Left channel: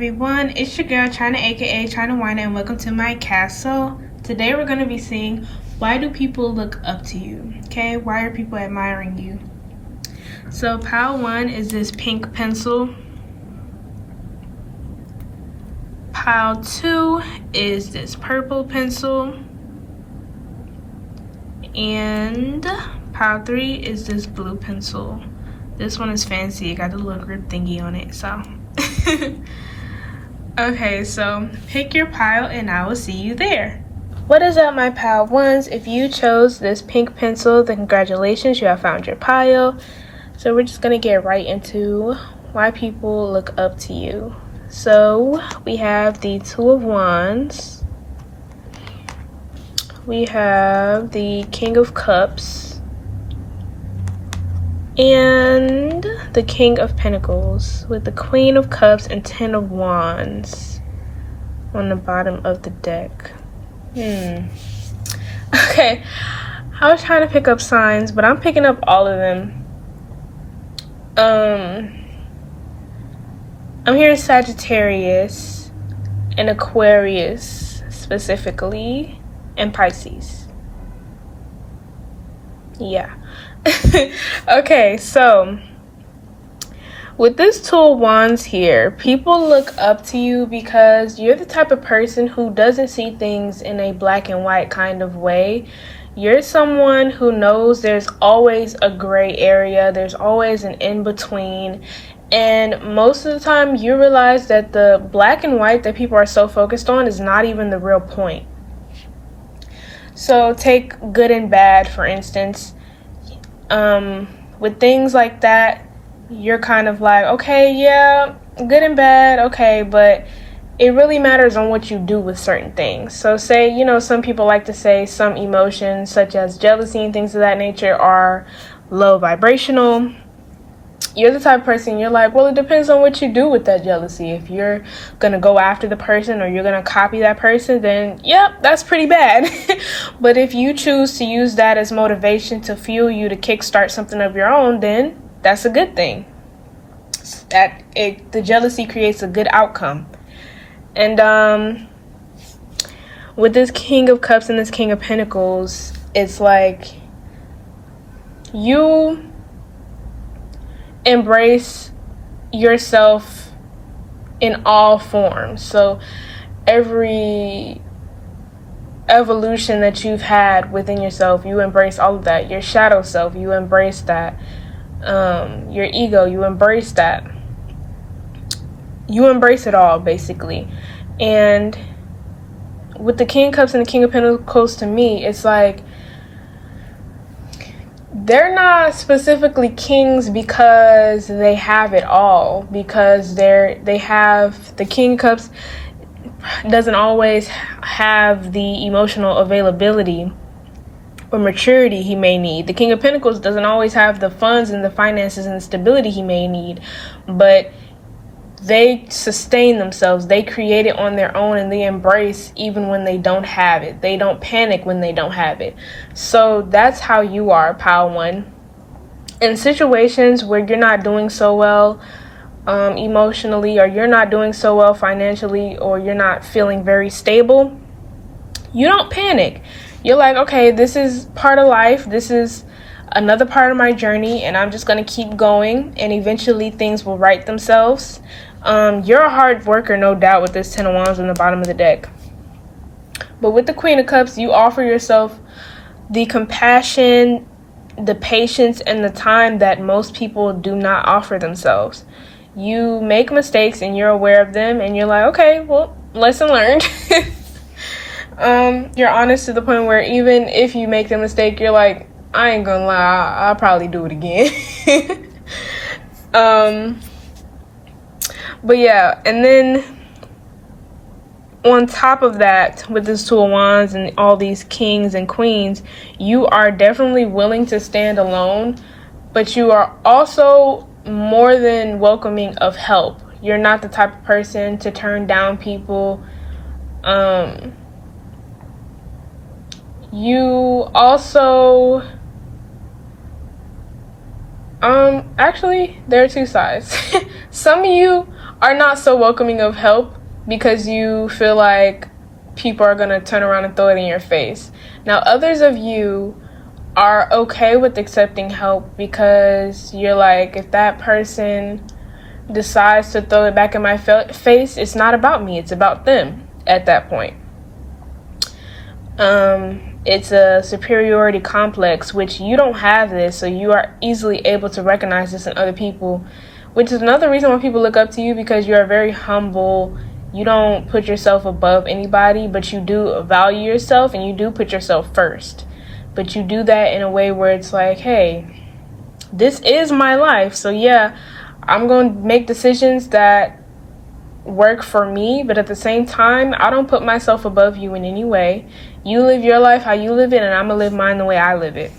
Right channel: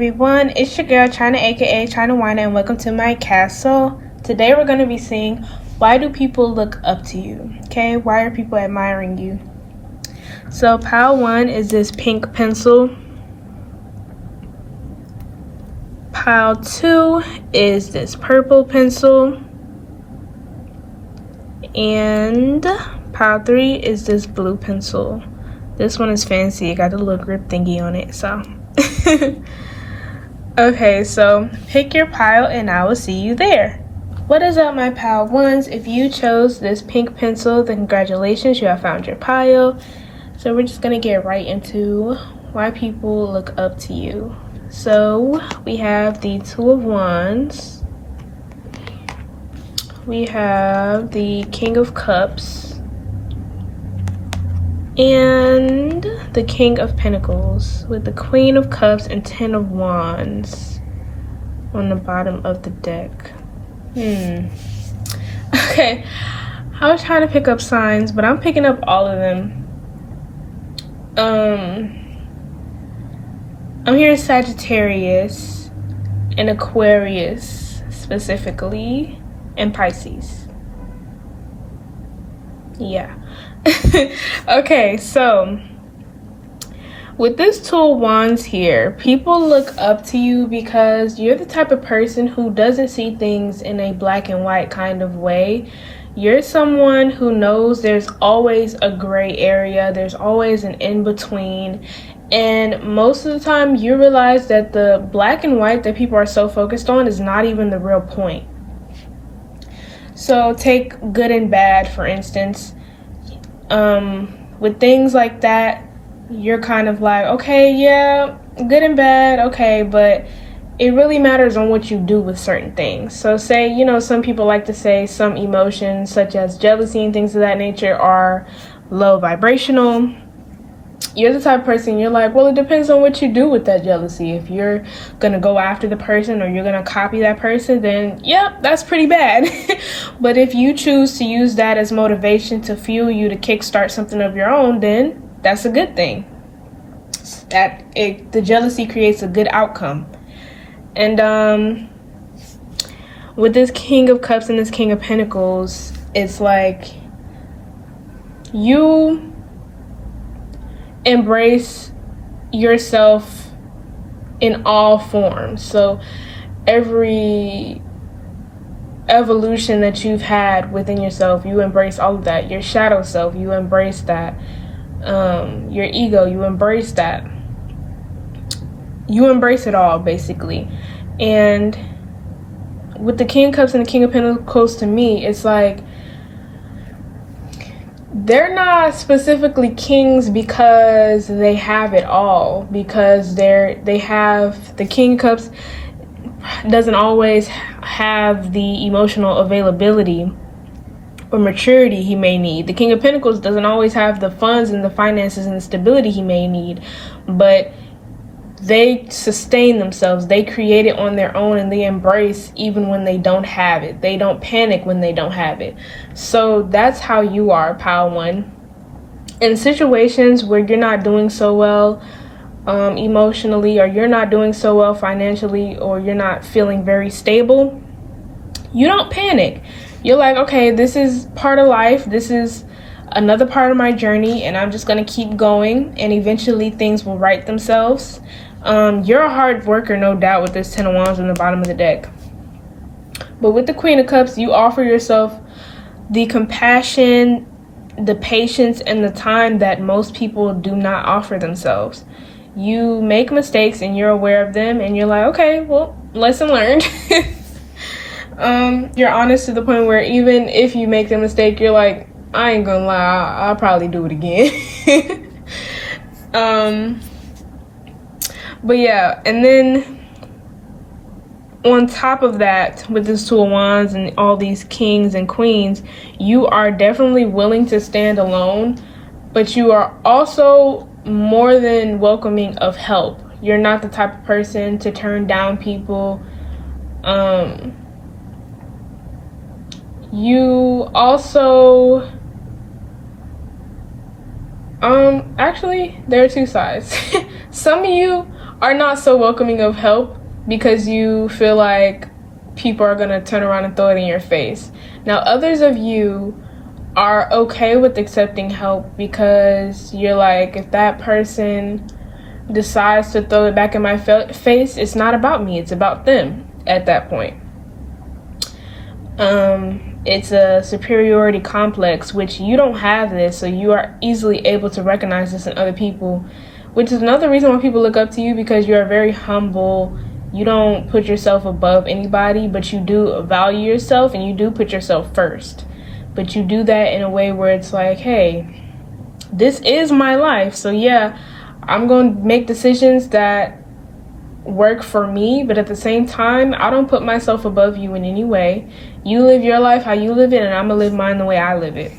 everyone, it's your girl China, aka China Wina, and welcome to my castle. Today we're going to be seeing, why do people look up to you? Okay, why are people admiring you? So pile 1 is this pink pencil. Pile 2 is this purple pencil. And pile 3 is this blue pencil. This one is fancy, it got a little grip thingy on it, so. Okay, so pick your pile and I will see you there. What is up, my pile ones? If you chose this pink pencil, then congratulations, you have found your pile. So we're just gonna get right into why people look up to you. So we have the Two of Wands. We have the King of Cups. And the King of Pentacles with the Queen of Cups and 10 of Wands on the bottom of the deck. Okay, I was trying to pick up signs, but I'm picking up all of them. I'm hearing Sagittarius and Aquarius specifically, and Pisces. Yeah. Okay, so with this Two of Wands here, people look up to you because you're the type of person who doesn't see things in a black and white kind of way. You're someone who knows there's always a gray area, there's always an in-between, and most of the time you realize that the black and white that people are so focused on is not even the real point. So take good and bad, for instance. With things like that, you're kind of like, okay, yeah, good and bad, okay, but it really matters on what you do with certain things. So say, some people like to say some emotions such as jealousy and things of that nature are low vibrational. You're the type of person, you're like, well, it depends on what you do with that jealousy. If you're going to go after the person or you're going to copy that person, then yep, that's pretty bad. But if you choose to use that as motivation to fuel you to kickstart something of your own, then that's a good thing. The jealousy creates a good outcome. And with this King of Cups and this King of Pentacles, it's like you embrace yourself in all forms. So every evolution that you've had within yourself, you embrace all of that. Your shadow self, you embrace that. Your ego, you embrace that. You embrace it all, basically. And with the King of Cups and the King of Pentacles, to me, it's like they're not specifically kings because they have it all, because they have the King of Cups doesn't always have the emotional availability or maturity he may need. The King of Pentacles doesn't always have the funds and the finances and the stability he may need, but they sustain themselves. They create it on their own and they embrace even when they don't have it. They don't panic when they don't have it. So that's how you are, pile 1. In situations where you're not doing so well emotionally, or you're not doing so well financially, or you're not feeling very stable, you don't panic. You're like, okay, this is part of life. This is another part of my journey, and I'm just going to keep going, and eventually things will right themselves. You're a hard worker, no doubt, with this 10 of Wands on the bottom of the deck. But with the Queen of Cups, you offer yourself the compassion, the patience, and the time that most people do not offer themselves. You make mistakes and you're aware of them, and you're like, okay, well, lesson learned. You're honest to the point where even if you make the mistake, you're like, I ain't gonna lie, I'll probably do it again. But yeah, and then on top of that, with this Two of Wands and all these kings and queens, you are definitely willing to stand alone, but you are also more than welcoming of help. You're not the type of person to turn down people. You also actually, there are two sides. Some of you are not so welcoming of help because you feel like people are going to turn around and throw it in your face. Now, others of you are okay with accepting help because you're like, if that person decides to throw it back in my face, it's not about me, it's about them at that point. It's a superiority complex, which you don't have this, so you are easily able to recognize this in other people, which is another reason why people look up to you, because you are very humble. You don't put yourself above anybody, but you do value yourself and you do put yourself first. But you do that in a way where it's like, hey, this is my life, so yeah, I'm going to make decisions that work for me, but at the same time, I don't put myself above you in any way. You live your life how you live it, and I'm gonna live mine the way I live it.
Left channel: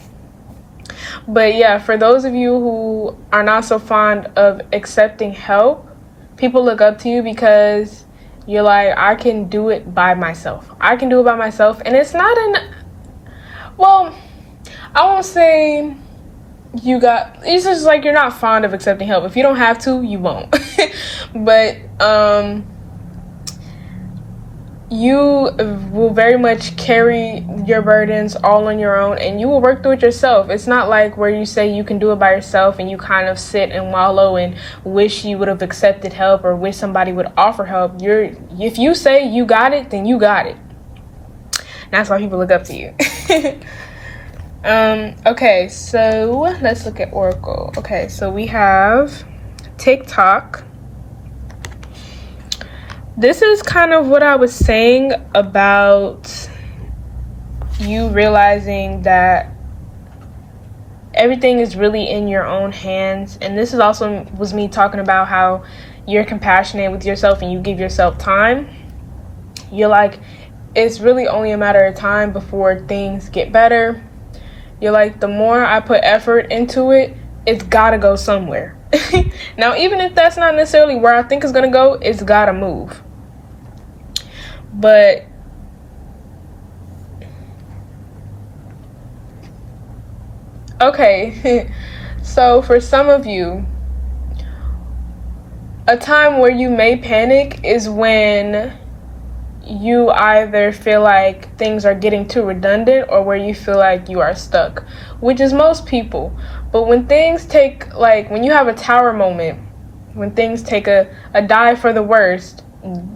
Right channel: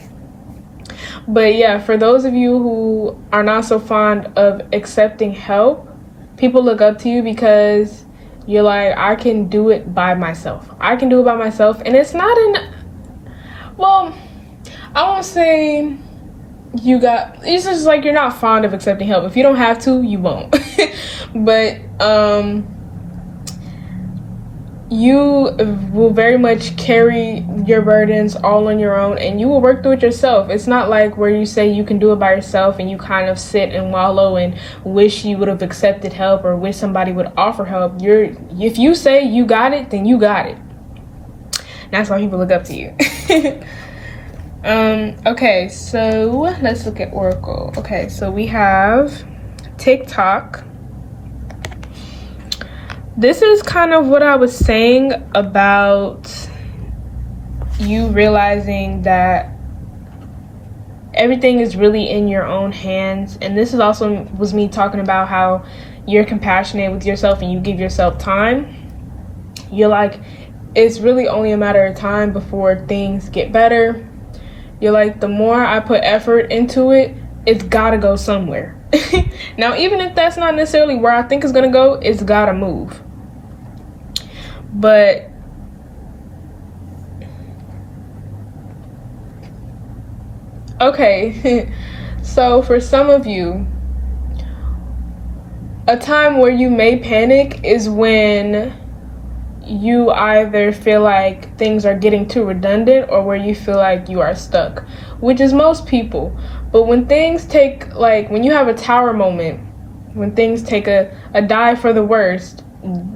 But yeah, for those of you who are not so fond of accepting help, people look up to you because you're like, I can do it by myself. I can do it by myself. And it's not well, I won't say it's just like you're not fond of accepting help. If you don't have to, you won't. But you will very much carry your burdens all on your own, and you will work through it yourself. It's not like where you say you can do it by yourself and you kind of sit and wallow and wish you would have accepted help or wish somebody would offer help. If you say you got it, then you got it. That's why people look up to you. Okay, so let's look at Oracle. Okay, so we have TikTok. This is kind of what I was saying about you realizing that everything is really in your own hands. And this is also was me talking about how you're compassionate with yourself and you give yourself time. You're like, it's really only a matter of time before things get better. You're like, the more I put effort into it, it's gotta go somewhere. Now, even if that's not necessarily where I think it's gonna go, it's gotta move. But okay, so for some of you, a time where you may panic is when you either feel like things are getting too redundant or where you feel like you are stuck, which is most people. But when things take, like when you have a tower moment, when things take a dive for the worst,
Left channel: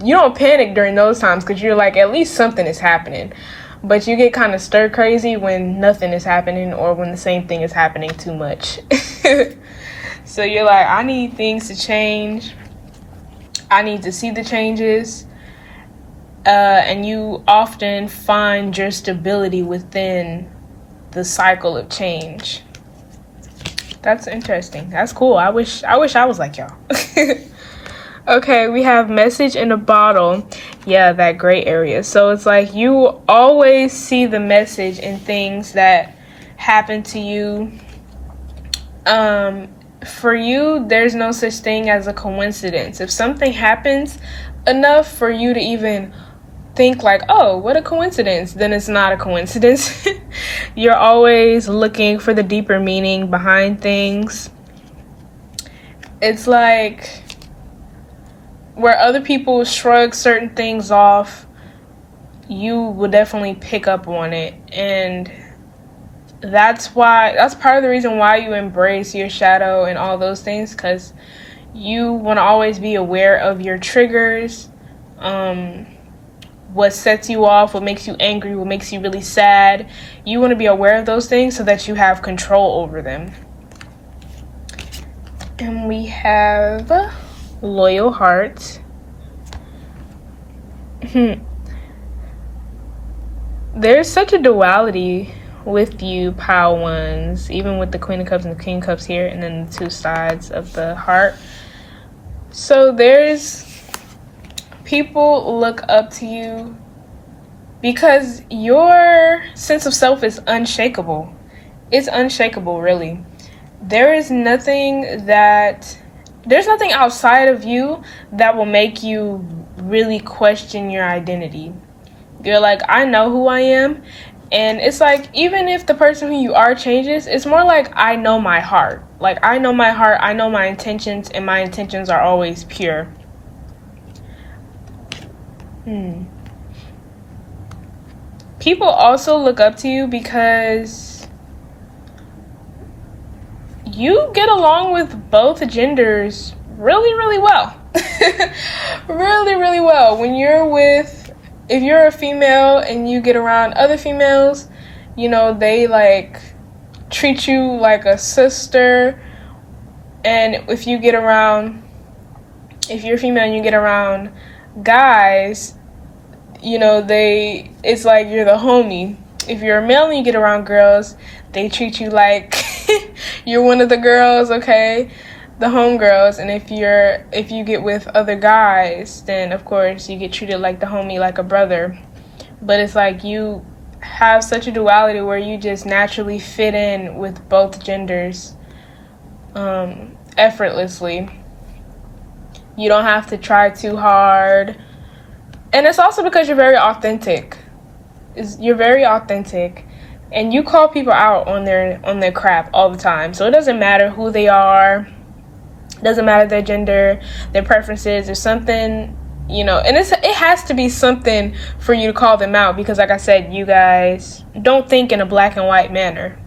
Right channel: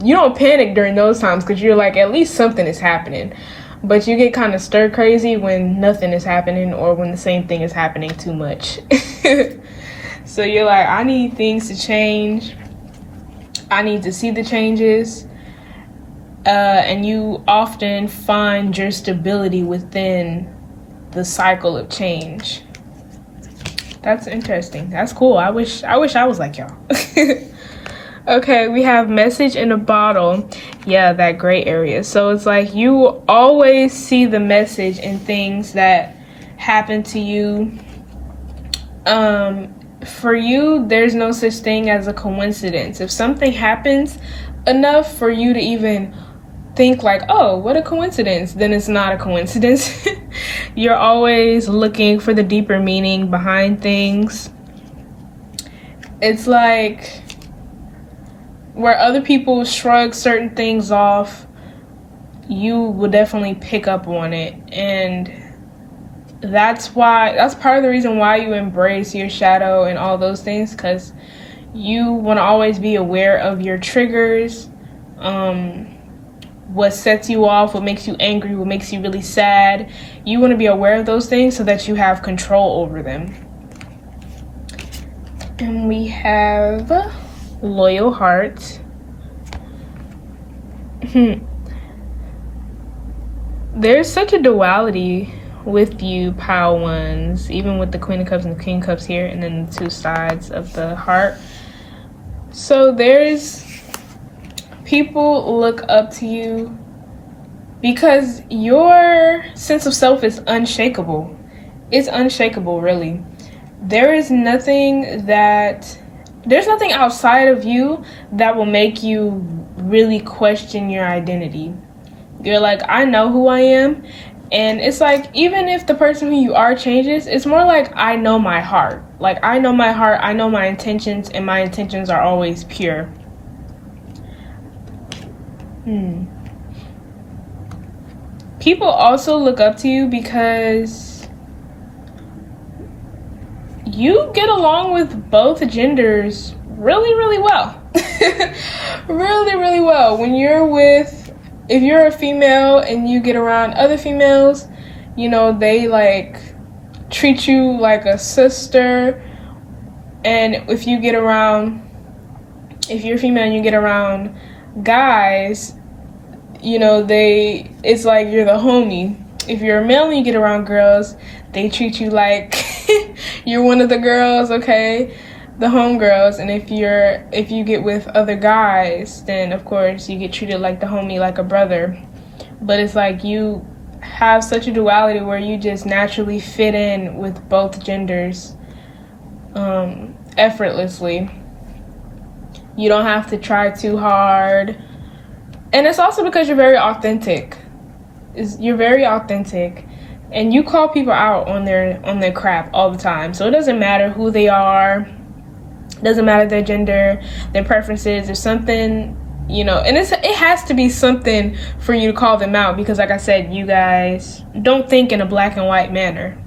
you don't panic during those times because you're like, at least something is happening. But you get kind of stir crazy when nothing is happening or when the same thing is happening too much. So you're like, I need things to change. I need to see the changes. And you often find your stability within the cycle of change. That's interesting. That's cool. I wish I was like y'all. Okay, we have message in a bottle. Yeah, that gray area. So it's like you always see the message in things that happen to you. For you, there's no such thing as a coincidence. If something happens enough for you to even think like, oh, what a coincidence, then it's not a coincidence. You're always looking for the deeper meaning behind things. It's like where other people shrug certain things off, you will definitely pick up on it. And that's part of the reason why you embrace your shadow and all those things, because you want to always be aware of your triggers, what sets you off, what makes you angry, what makes you really sad. You want to be aware of those things so that you have control over them. And we have loyal heart. There's such a duality with you, pile ones, even with the Queen of Cups and the King of Cups here, and then the two sides of the heart. So there's people look up to you because your sense of self is unshakable. It's unshakable, really. There's nothing outside of you that will make you really question your identity. You're like, I know who I am. And it's like, even if the person who you are changes, it's more like, I know my heart. Like, I know my heart, I know my intentions, and my intentions are always pure. People also look up to you because you get along with both genders really, really well. Really, really well. If you're a female and you get around other females, you know, they like treat you like a sister. And if you're a female and you get around guys, you know, it's like you're the homie. If you're a male and you get around girls, they treat you like you're one of the girls, okay? The homegirls. And if you get with other guys, then of course you get treated like the homie, like a brother. But it's like you have such a duality where you just naturally fit in with both genders effortlessly. You don't have to try too hard. And it's also because you're very authentic. You're very authentic. And you call people out on their crap all the time. So it doesn't matter who they are. It doesn't matter their gender, their preferences. There's something, you know, and it has to be something for you to call them out. Because like I said, you guys don't think in a black and white manner.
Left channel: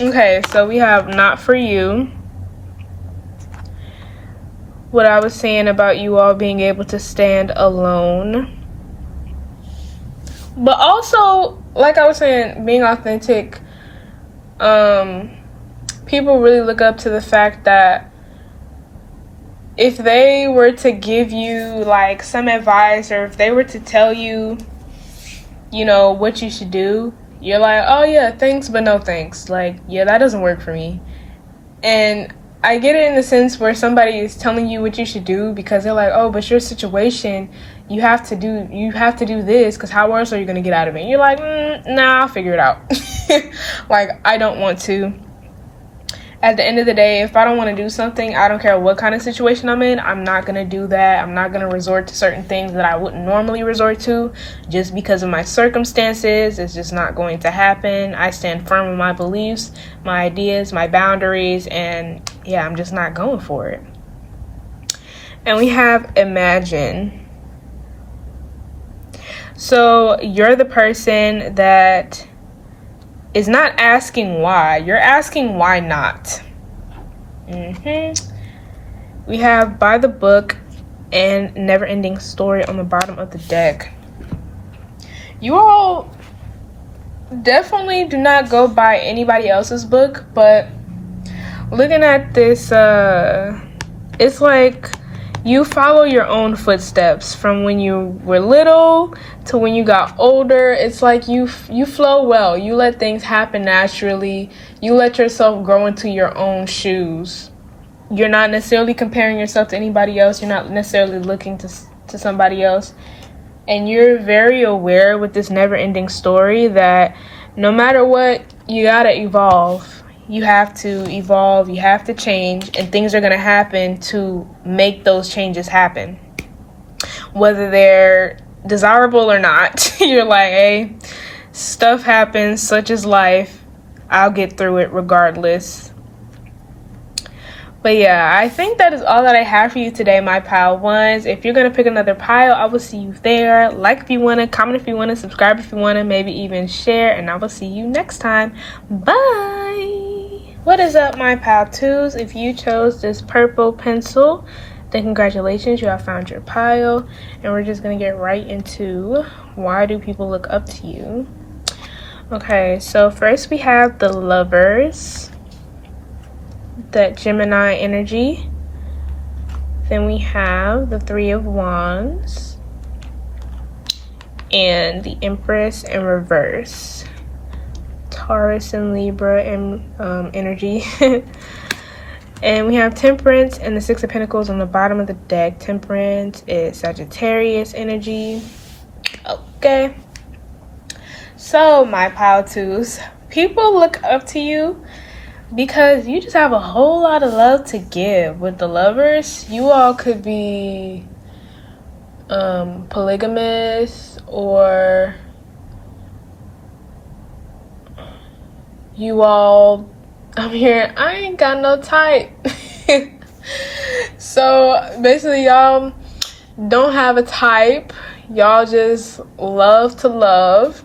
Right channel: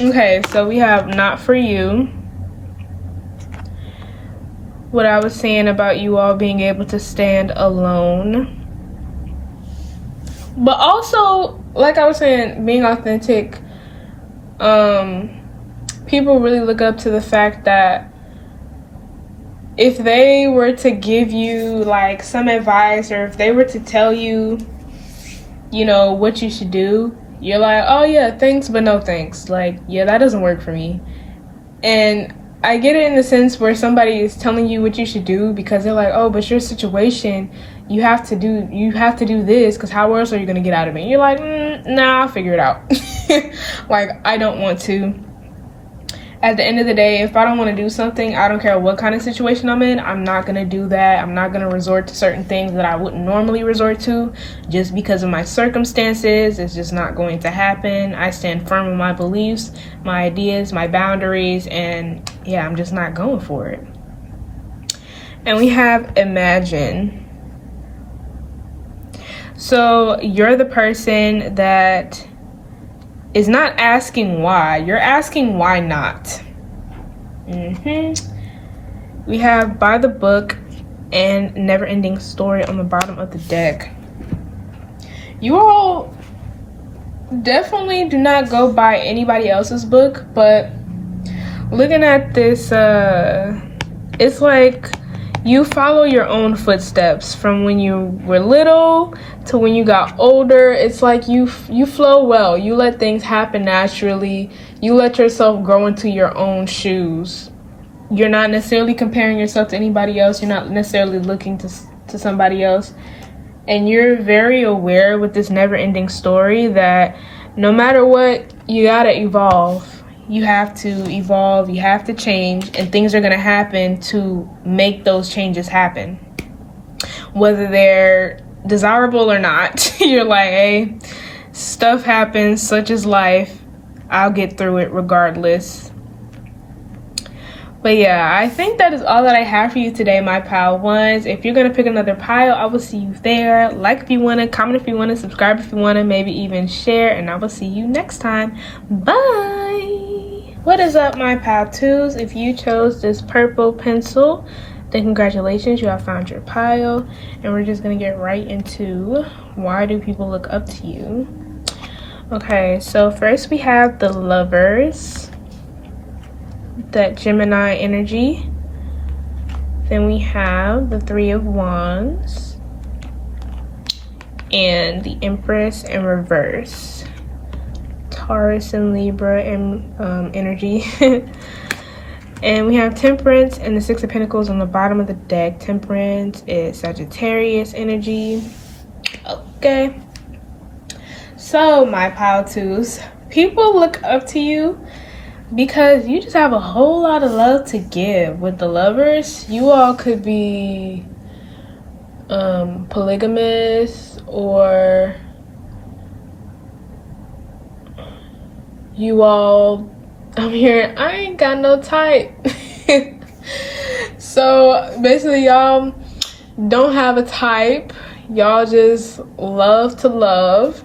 Okay, so we have not for you. What I was saying about you all being able to stand alone. But also, like I was saying, being authentic, people really look up to the fact that if they were to give you like some advice, or if they were to tell you, you know, what you should do, you're like, oh yeah, thanks, but no thanks. Like, yeah, that doesn't work for me. And I get it in the sense where somebody is telling you what you should do because they're like, oh, but your situation, you have to do this, because how else are you going to get out of it? And you're like, nah, I'll figure it out. Like, I don't want to. At the end of the day, if I don't want to do something, I don't care what kind of situation I'm in, I'm not going to do that. I'm not going to resort to certain things that I wouldn't normally resort to just because of my circumstances. It's just not going to happen. I stand firm in my beliefs, my ideas, my boundaries, and yeah, I'm just not going for it. And we have imagine. So you're the person that is not asking why. You're asking why not. We have by the book and never ending story on the bottom of the deck. You all definitely do not go by anybody else's book, but looking at this, it's like you follow your own footsteps from when you were little to when you got older. It's like you flow well. You let things happen naturally. You let yourself grow into your own shoes. You're not necessarily comparing yourself to anybody else. You're not necessarily looking to somebody else. And you're very aware with this never-ending story that no matter what, you gotta evolve. You have to evolve, you have to change, and things are going to happen to make those changes happen. Whether they're desirable or not, you're like, hey, stuff happens, such is life. I'll get through it regardless. But yeah, I think that is all that I have for you today, my pile ones. If you're going to pick another pile, I will see you there. Like if you want to, comment if you want to, subscribe if you want to, maybe even share, and I will see you next time. Bye! What is up, my pile twos? If you chose this purple pencil, then congratulations, you have found your pile. And we're just going to get right into why do people look up to you. Okay, so first we have the Lovers, that Gemini energy. Then we have the Three of Wands and the Empress in reverse. Taurus and Libra and energy. And we have Temperance and the Six of Pentacles on the bottom of the deck. Temperance is Sagittarius energy. Okay. So, my pile twos, people look up to you because you just have a whole lot of love to give. With the Lovers, you all could be polygamous, or you all, I'm here, I ain't got no type. So basically, y'all don't have a type. Y'all just love to love.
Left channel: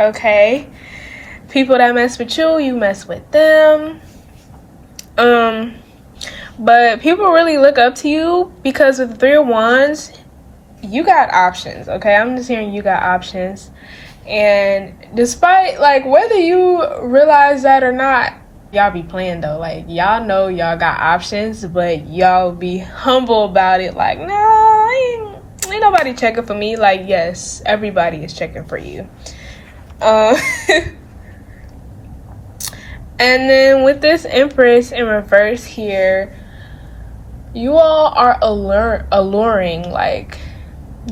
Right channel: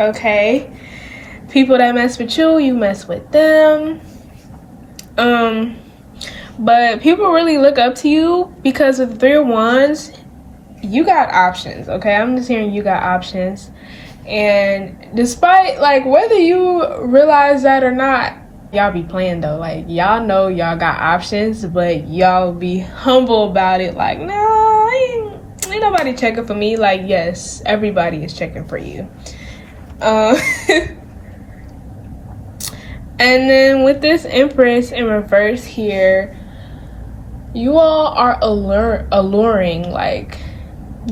Okay. People that mess with you, you mess with them. But people really look up to you because of the Three of Wands. You got options, okay? I'm just hearing you got options. And despite, like, whether you realize that or not, y'all be playing though. Like, y'all know y'all got options, but y'all be humble about it. Like, nah, ain't nobody checking for me. Like, yes, everybody is checking for you. And then with this Empress in reverse here, you all are alluring, like,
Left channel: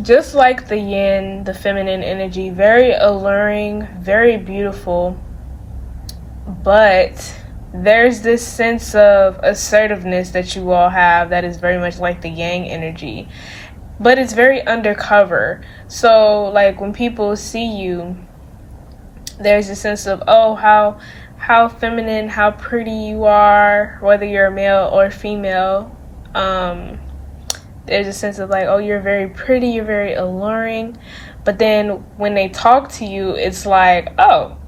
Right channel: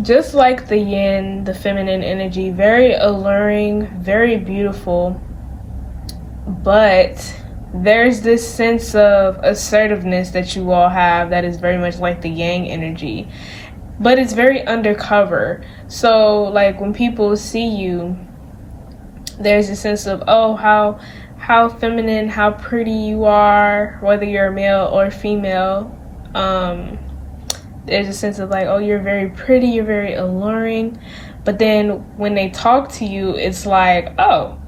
just like the yin, the feminine energy, very alluring, very beautiful. But there's this sense of assertiveness that you all have that is very much like the yang energy, but it's very undercover. So like when people see you, there's a sense of, oh, how feminine, how pretty you are, whether you're a male or female. There's a sense of like, oh, you're very pretty, you're very alluring. But then when they talk to you, it's like, oh,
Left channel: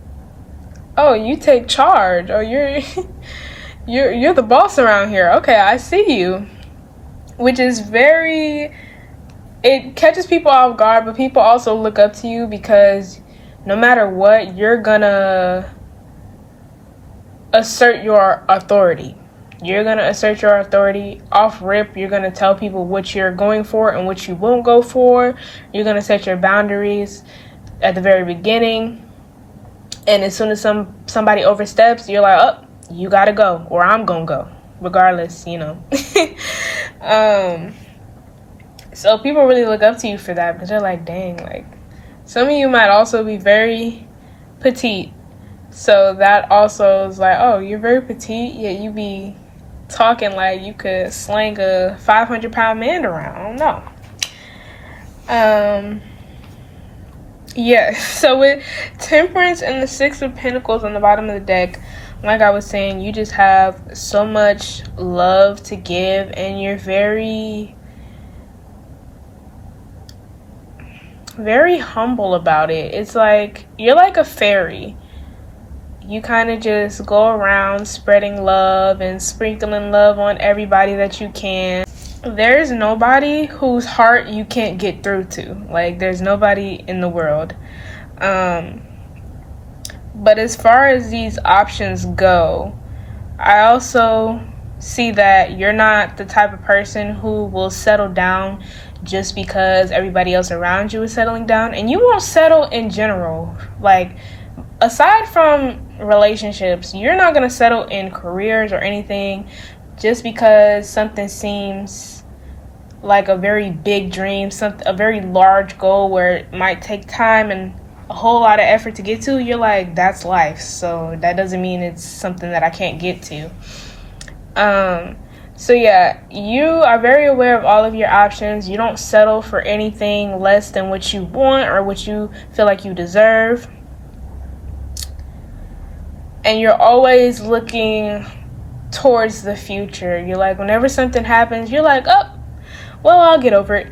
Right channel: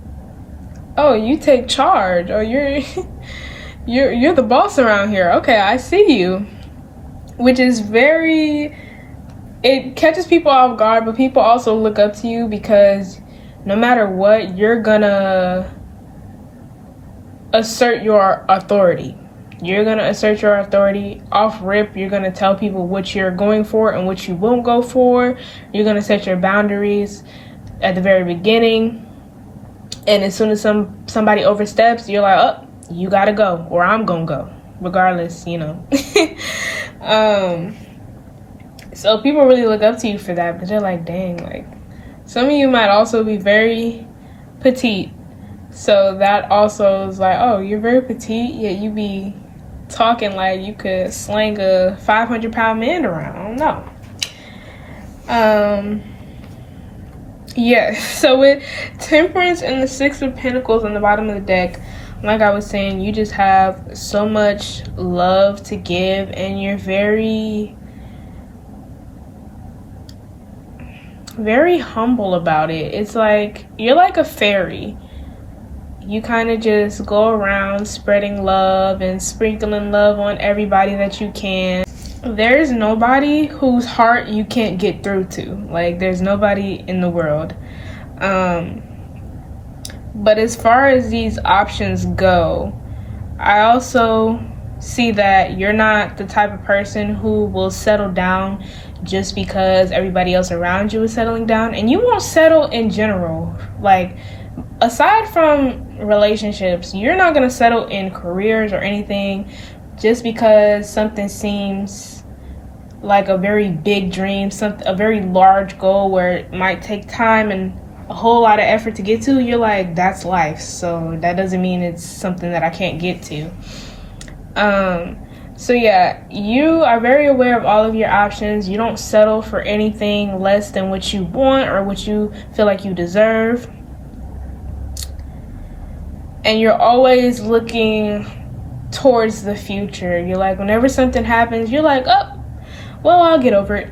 you take charge, or you're the boss around here. Okay, I see you. Which is it catches people off guard, but people also look up to you because no matter what, you're gonna assert your authority. You're gonna assert your authority off rip. You're gonna tell people what you're going for and what you won't go for. You're gonna set your boundaries at the very beginning. And as soon as somebody oversteps, you're like, oh, you gotta go, or I'm gonna go, regardless, you know. So people really look up to you for that, but they're like, dang, like, some of you might also be very petite. So that also is like, oh, you're very petite, yet you be talking like you could slang a 500-pound man around. I don't know. Yeah, so with Temperance and the Six of Pentacles on the bottom of the deck, like I was saying, you just have so much love to give, and you're very, very humble about it. It's like, you're like a fairy. You kind of just go around spreading love and sprinkling love on everybody that you can. There's nobody whose heart you can't get through to. Like, there's nobody in the world. But as far as these options go, I also see that you're not the type of person who will settle down just because everybody else around you is settling down. And you won't settle in general. Like, aside from relationships, you're not going to settle in careers or anything just because something seems like a very big dream, a very large goal where it might take time and a whole lot of effort to get to. You're like, that's life, so that doesn't mean it's something that I can't get to. So yeah, you are very aware of all of your options. You don't settle for anything less than what you want or what you feel like you deserve. And you're always looking towards the future. You're like, whenever something happens, you're like, oh, well, I'll get over it.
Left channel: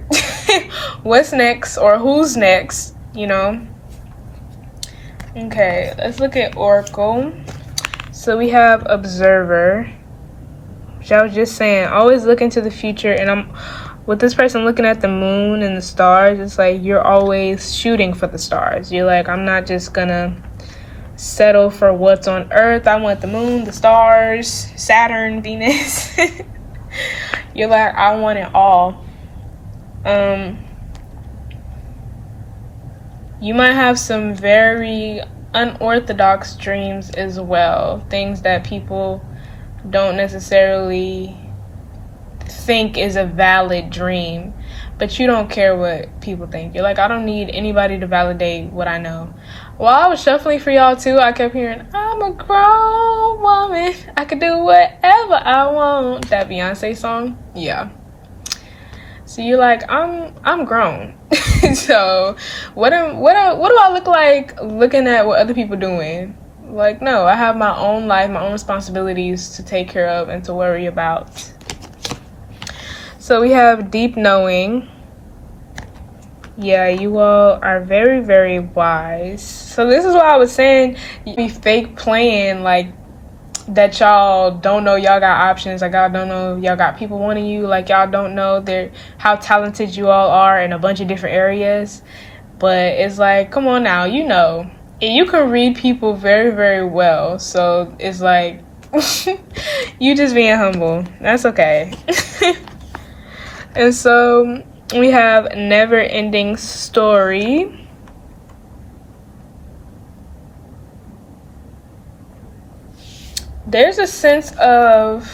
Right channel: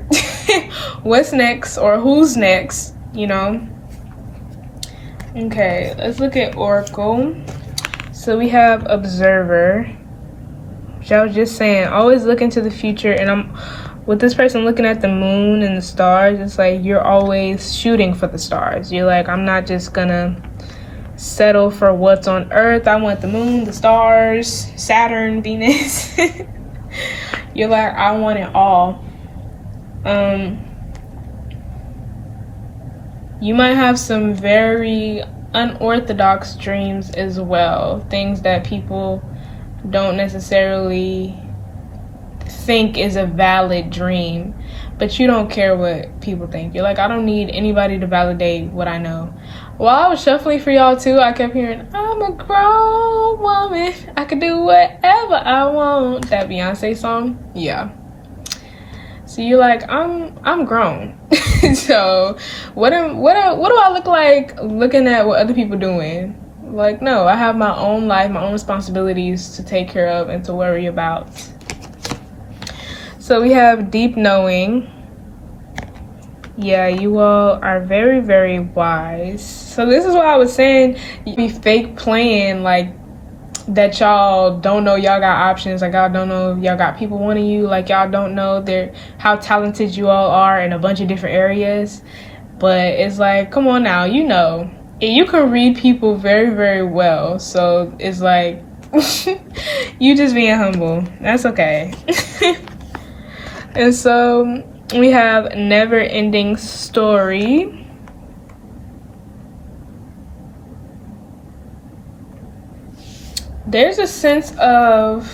What's next, or who's next, you know? Okay, let's look at Oracle. So we have Observer, which I was just saying, always look into the future. And I'm with this person looking at the moon and the stars, it's like you're always shooting for the stars. You're like, I'm not just gonna settle for what's on Earth. I want the moon, the stars, Saturn, Venus. You're like, I want it all. You might have some very unorthodox dreams as well. Things that people don't necessarily think is a valid dream. But you don't care what people think. You're like, I don't need anybody to validate what I know. While I was shuffling for y'all too, I kept hearing, I'm a grown woman. I can do whatever I want. That Beyonce song. Yeah. So you're like, I'm grown. So what do I look like looking at what other people doing? Like, no, I have my own life, my own responsibilities to take care of and to worry about. So we have Deep Knowing. Yeah, you all are very, very wise. So this is what I was saying. You be fake playing like that y'all don't know y'all got options, like y'all don't know y'all got people wanting you, like y'all don't know their how talented you all are in a bunch of different areas. But it's like, come on now, you know. You can read people very, very well. So it's like you just being humble. That's okay. And so we have Never Ending Story. There's a sense of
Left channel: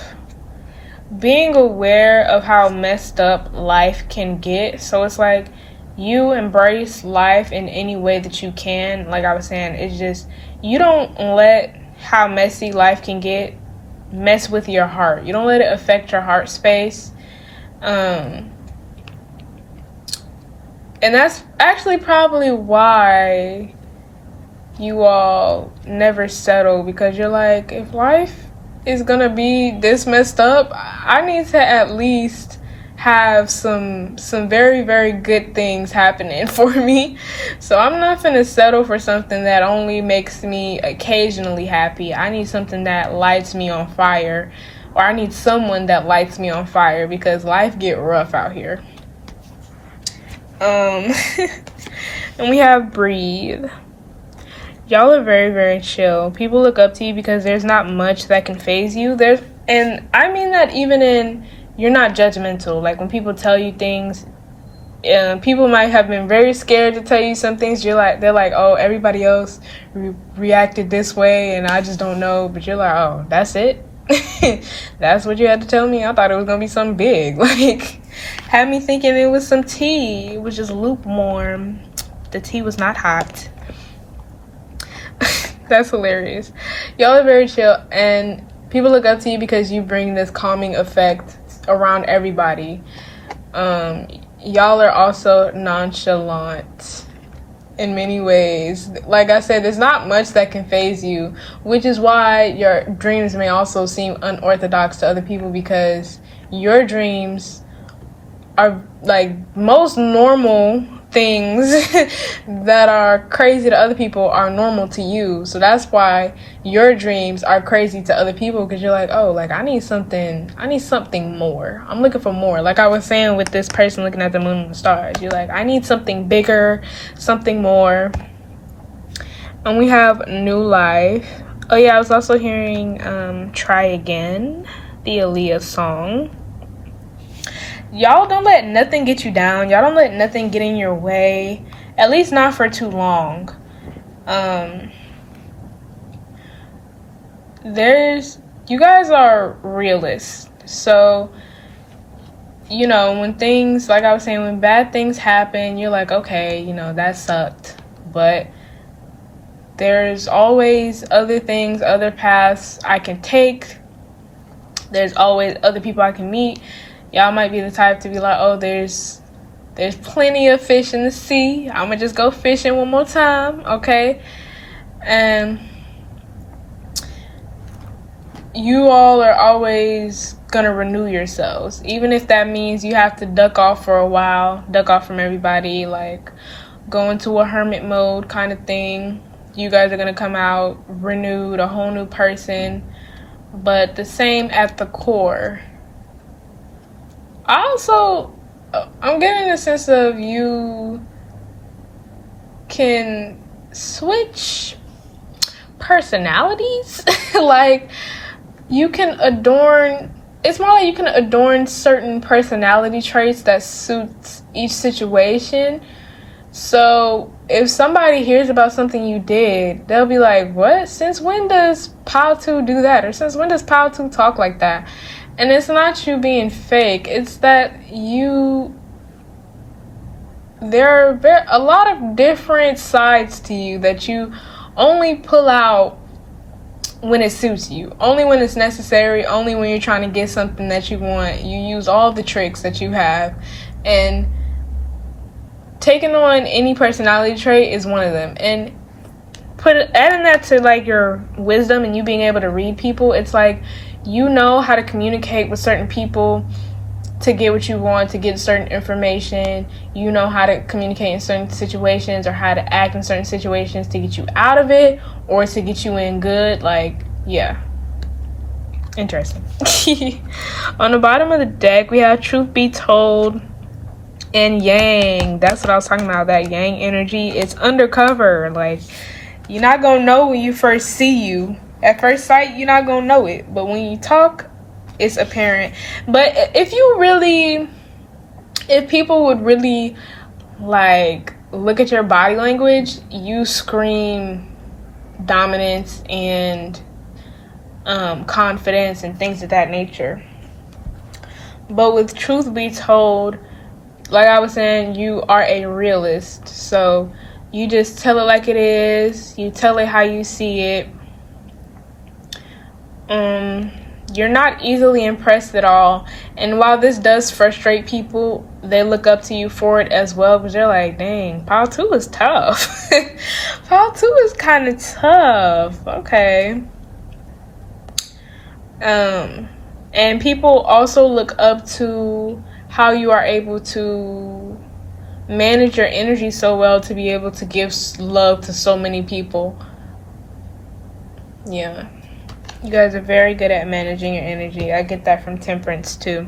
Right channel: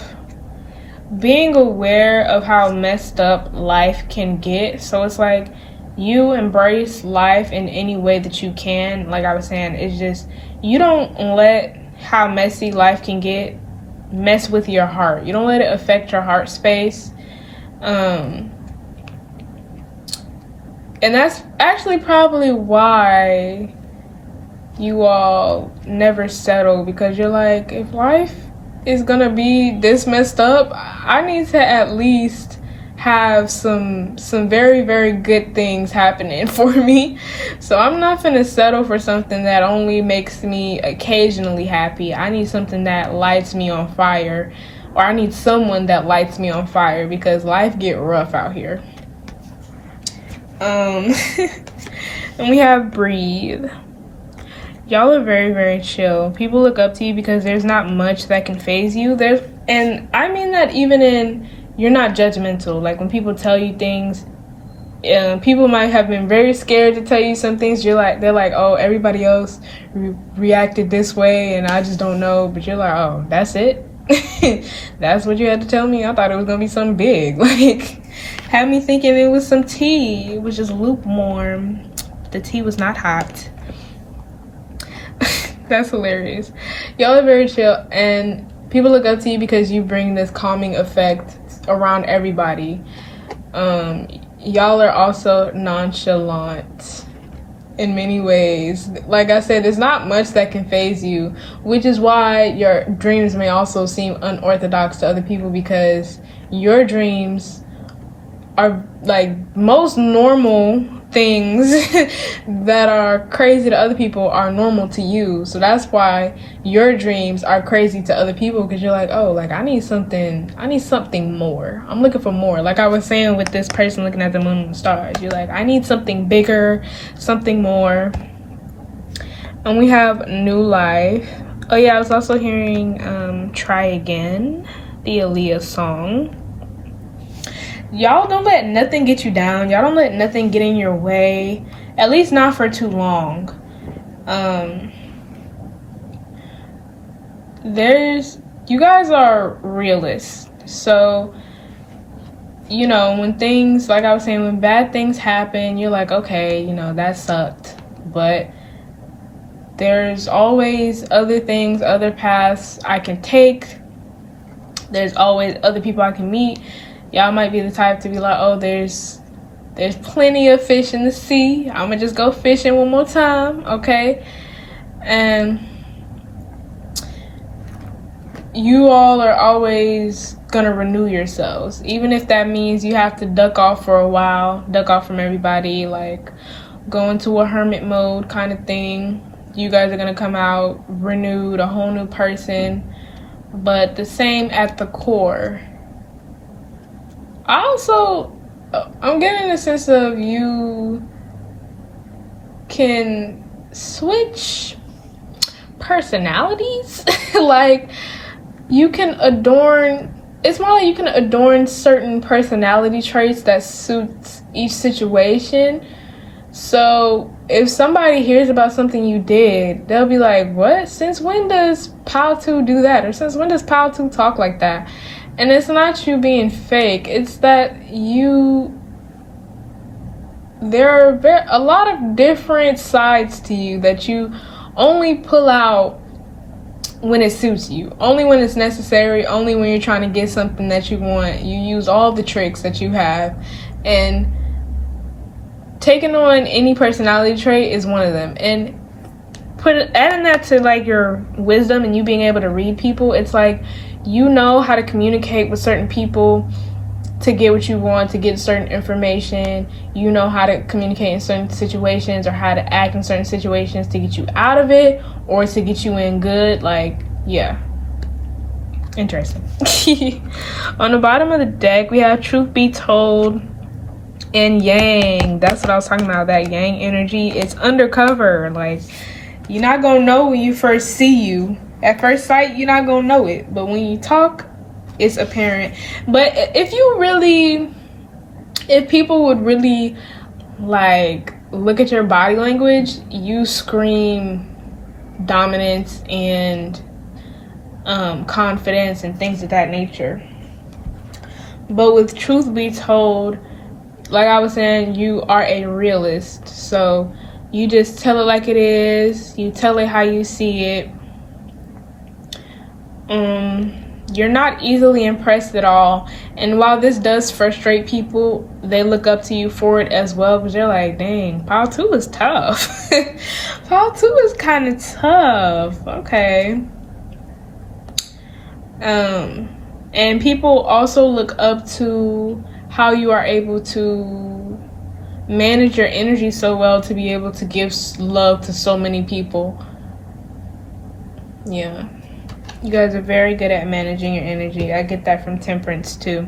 being aware of how messed up life can get. So it's like you embrace life in any way that you can. Like I was saying, it's just you don't let how messy life can get mess with your heart. You don't let it affect your heart space. And that's actually probably why you all never settle, because you're like, if life is gonna be this messed up, I need to at least have some very, very good things happening for me. So I'm not gonna settle for something that only makes me occasionally happy. I need something that lights me on fire, or I need someone that lights me on fire, because life get rough out here. And we have Breathe. Y'all are very, very chill. People look up to you because there's not much that can phase you. And I mean that even in, you're not judgmental. Like when people tell you things, people might have been very scared to tell you some things. They're like, oh, everybody else reacted this way and I just don't know. But you're like, oh, that's it? That's what you had to tell me? I thought it was gonna be something big. Like, had me thinking it was some tea. It was just lukewarm. The tea was not hot. That's hilarious. Y'all are very chill, and people look up to you because you bring this calming effect around everybody. Y'all are also nonchalant in many ways. Like I said, there's not much that can phase you, which is why your dreams may also seem unorthodox to other people, because your dreams are like most normal things that are crazy to other people are normal to you. So that's why your dreams are crazy to other people, because you're like, oh, like I need something more. I'm looking for more. Like I was saying with this person looking at the moon and the stars, you're like, I need something bigger, something more. And we have New Life. Oh yeah, I was also hearing Try Again, the Aaliyah song. Y'all don't let nothing get you down. Y'all don't let nothing get in your way, at least not for too long. You guys are realists. So, you know, when things, like I was saying, when bad things happen, you're like, okay, you know, that sucked. But there's always other things, other paths I can take. There's always other people I can meet. Y'all might be the type to be like, oh, there's plenty of fish in the sea. I'm gonna just go fishing one more time, okay? And you all are always gonna renew yourselves, even if that means you have to duck off for a while, duck off from everybody, like go into a hermit mode kind of thing. You guys are gonna come out renewed, a whole new person, but the same at the core. I'm getting a sense of you can switch personalities. Like you can it's more like you can adorn certain personality traits that suits each situation. So if somebody hears about something you did, they'll be like, what? Since when does Paltu do that? Or since when does Paltu talk like that? And it's not you being fake. It's that there are a lot of different sides to you that you only pull out when it suits you. Only when it's necessary. Only when you're trying to get something that you want. You use all the tricks that you have. And taking on any personality trait is one of them. And adding that to like your wisdom and you being able to read people, it's like you know how to communicate with certain people to get what you want, to get certain information. You know how to communicate in certain situations or how to act in certain situations to get you out of it or to get you in good. Like, yeah. Interesting. On the bottom of the deck, we have Truth Be Told and Yang. That's what I was talking about, that Yang energy. It's undercover. Like, you're not going to know when you first see you. At first sight, you're not going to know it. But when you talk, it's apparent. But if people would really, like, look at your body language, you scream dominance and confidence and things of that nature. But with Truth Be Told, like I was saying, you are a realist. So you just tell it like it is. You tell it how you see it. You're not easily impressed at all. And while this does frustrate people, they look up to you for it as well, because they're like, dang, Pile 2 is tough. Pile 2 is kind of tough. Okay. And people also look up to how you are able to manage your energy so well to be able to give love to so many people. Yeah. You guys are very good at managing your energy. I get that from Temperance too.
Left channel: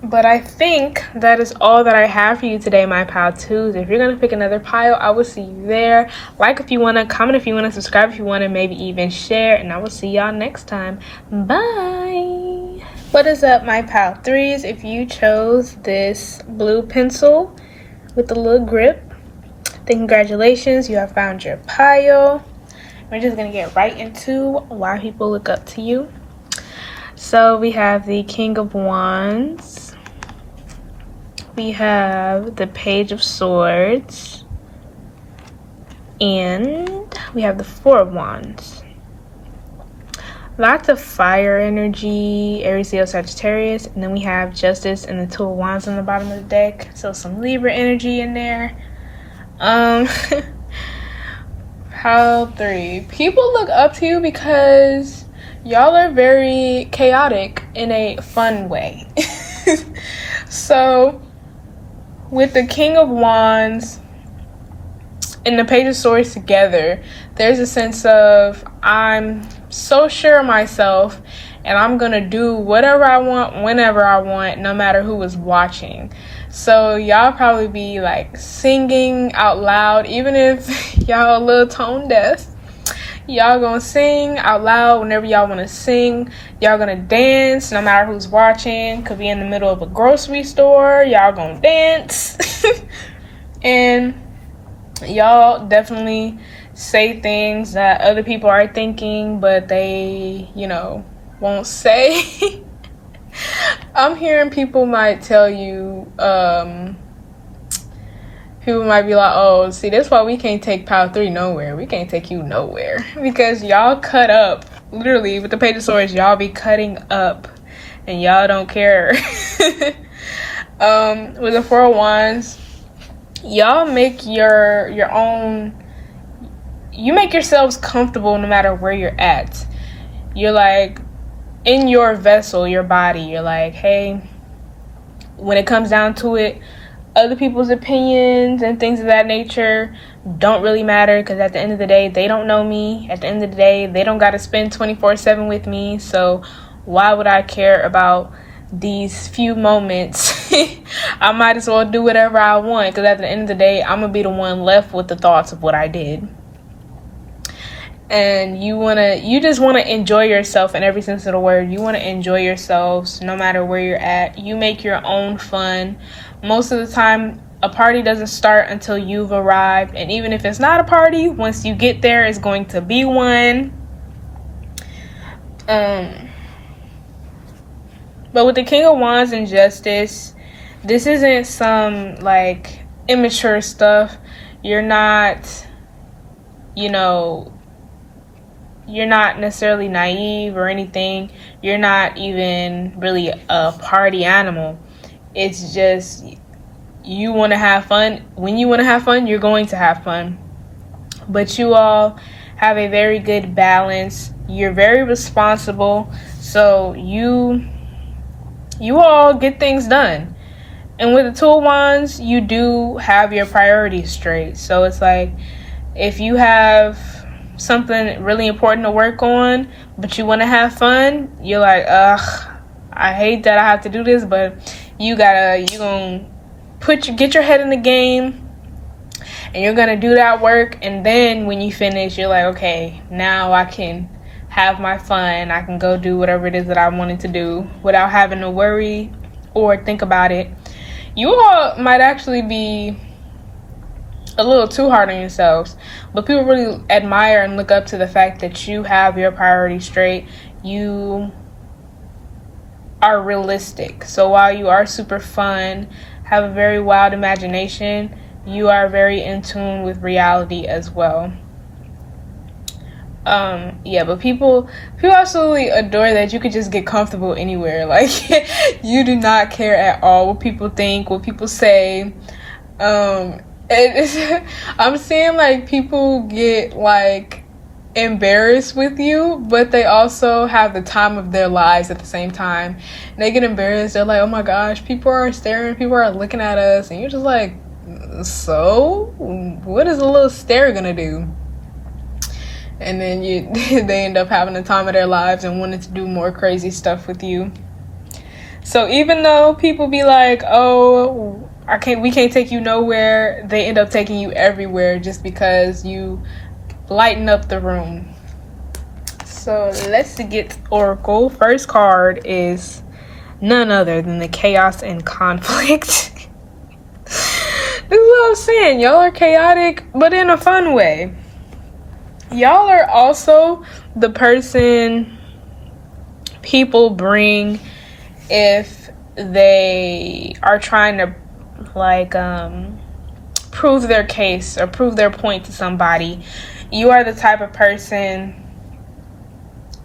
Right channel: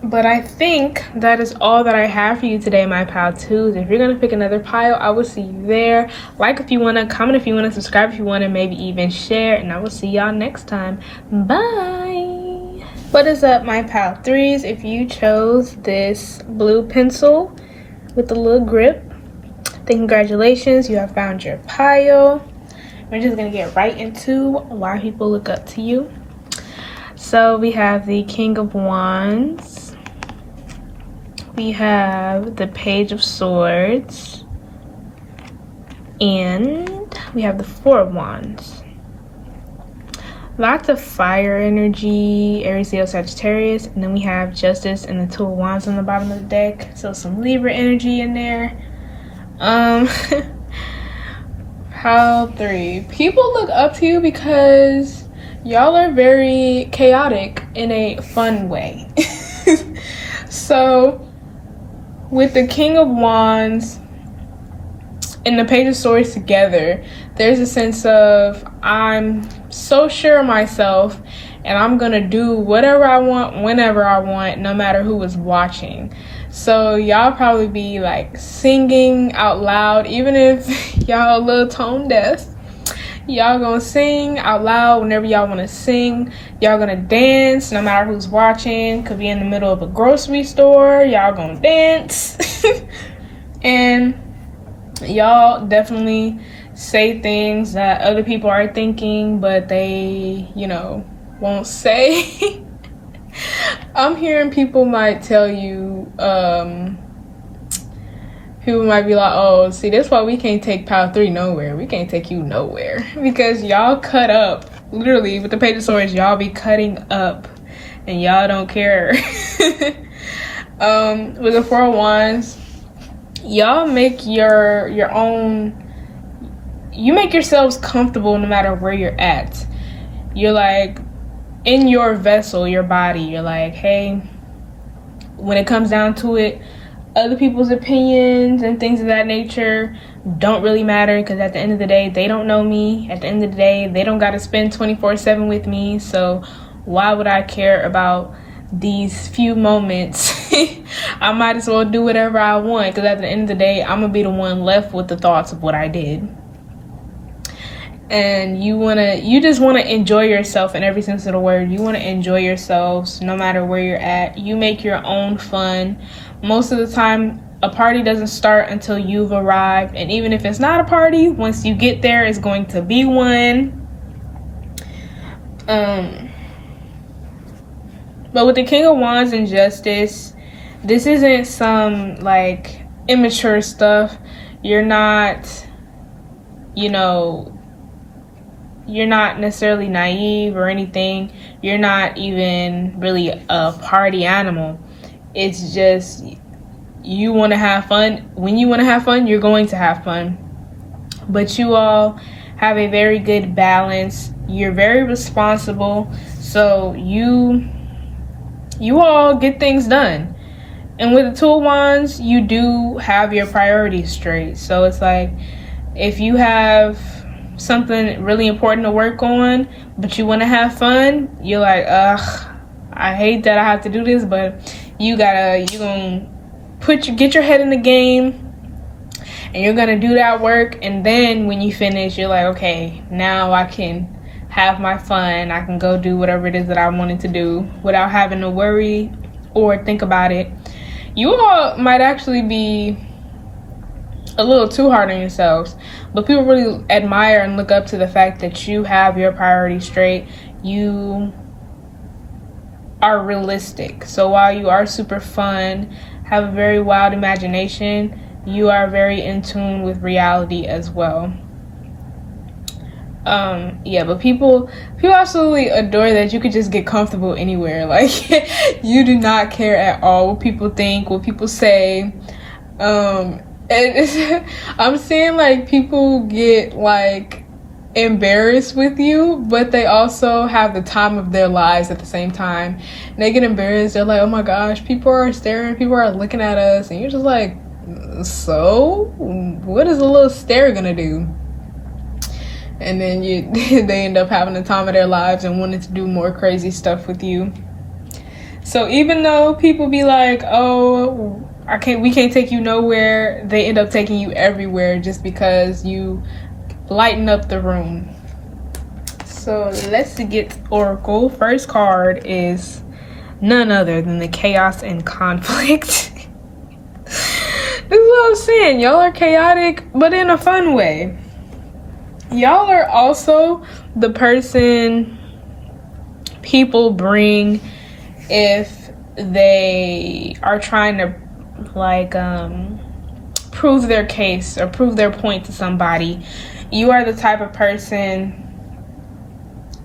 But I think that is all that I have for you today, my Pile 2s. If you're going to pick another pile, I will see you there. Like if you want to, comment if you want to, subscribe if you want to, maybe even share. And I will see y'all next time. Bye. What is up, my Pile 3s? If you chose this blue pencil with the little grip, then congratulations. You have found your pile. We're just going to get right into why people look up to you. So we have the King of Wands. We have the Page of Swords. And we have the Four of Wands. Lots of fire energy, Aries, Leo, Sagittarius. And then we have Justice and the Two of Wands on the bottom of the deck. So some Libra energy in there. Pile 3. People look up to you because y'all are very chaotic in a fun way. So, with the King of Wands and the Page of Swords together, there's a sense of, I'm so sure of myself and I'm gonna do whatever I want, whenever I want, no matter who is watching. So y'all probably be like singing out loud, even if y'all a little tone deaf. Y'all gonna sing out loud whenever y'all want to sing. Y'all gonna dance no matter who's watching. Could be in the middle of a grocery store. Y'all gonna dance. And y'all definitely say things that other people are thinking, but they, won't say. I'm hearing people might tell you, people might be like, oh, see, that's why we can't take Pile 3 nowhere. We can't take you nowhere. Because y'all cut up. Literally, with the Page of Swords, y'all be cutting up. And y'all don't care. With the Four of Wands, y'all make your own... You make yourselves comfortable no matter where you're at. You're like, in your vessel, your body, you're like, hey, when it comes down to it, other people's opinions and things of that nature don't really matter, because at the end of the day, they don't know me. At the end of the day, they don't got to spend 24/7 with me. So why would I care about these few moments? I might as well do whatever I want, because at the end of the day, I'm going to be the one left with the thoughts of what I did. And you just want to enjoy yourself in every sense of the word. You want to enjoy yourselves no matter where you're at. You make your own fun. Most of the time, a party doesn't start until you've arrived. And even if it's not a party, once you get there, it's going to be one. But with the King of Wands and Justice, this isn't some like immature stuff. You're not, you're not necessarily naive or anything. You're not even really a party animal. It's just you want to have fun. When you want to have fun, you're going to have fun. But you all have a very good balance. You're very responsible. So you you all get things done. And with the Tool Wands, you do have your priorities straight. So it's like, if you have something really important to work on, but you want to have fun, you're like, ugh, I hate that I have to do this, but you gonna get your head in the game, and you're gonna do that work. And then when you finish, you're like, okay, now I can have my fun. I can go do whatever it is that I wanted to do without having to worry or think about it. You all might actually be a little too hard on yourselves, but people really admire and look up to the fact that you have your priorities straight. You are realistic. So while you are super fun, have a very wild imagination, you are very in tune with reality as well. But people absolutely adore that you could just get comfortable anywhere. Like, you do not care at all what people think, what people say. I'm seeing like people get like embarrassed with you, but they also have the time of their lives at the same time. And they get embarrassed. They're like, oh my gosh, people are staring, people are looking at us, and you're just like, so what is a little stare gonna do? And then they end up having the time of their lives and wanting to do more crazy stuff with you. So even though people be like, oh, we can't take you nowhere, they end up taking you everywhere just because you lighten up the room. So let's get Oracle. First card is none other than the Chaos and Conflict. This is what I'm saying. Y'all are chaotic, but in a fun way. Y'all are also the person people bring if they are trying to like prove their case or prove their point to somebody. You are the type of person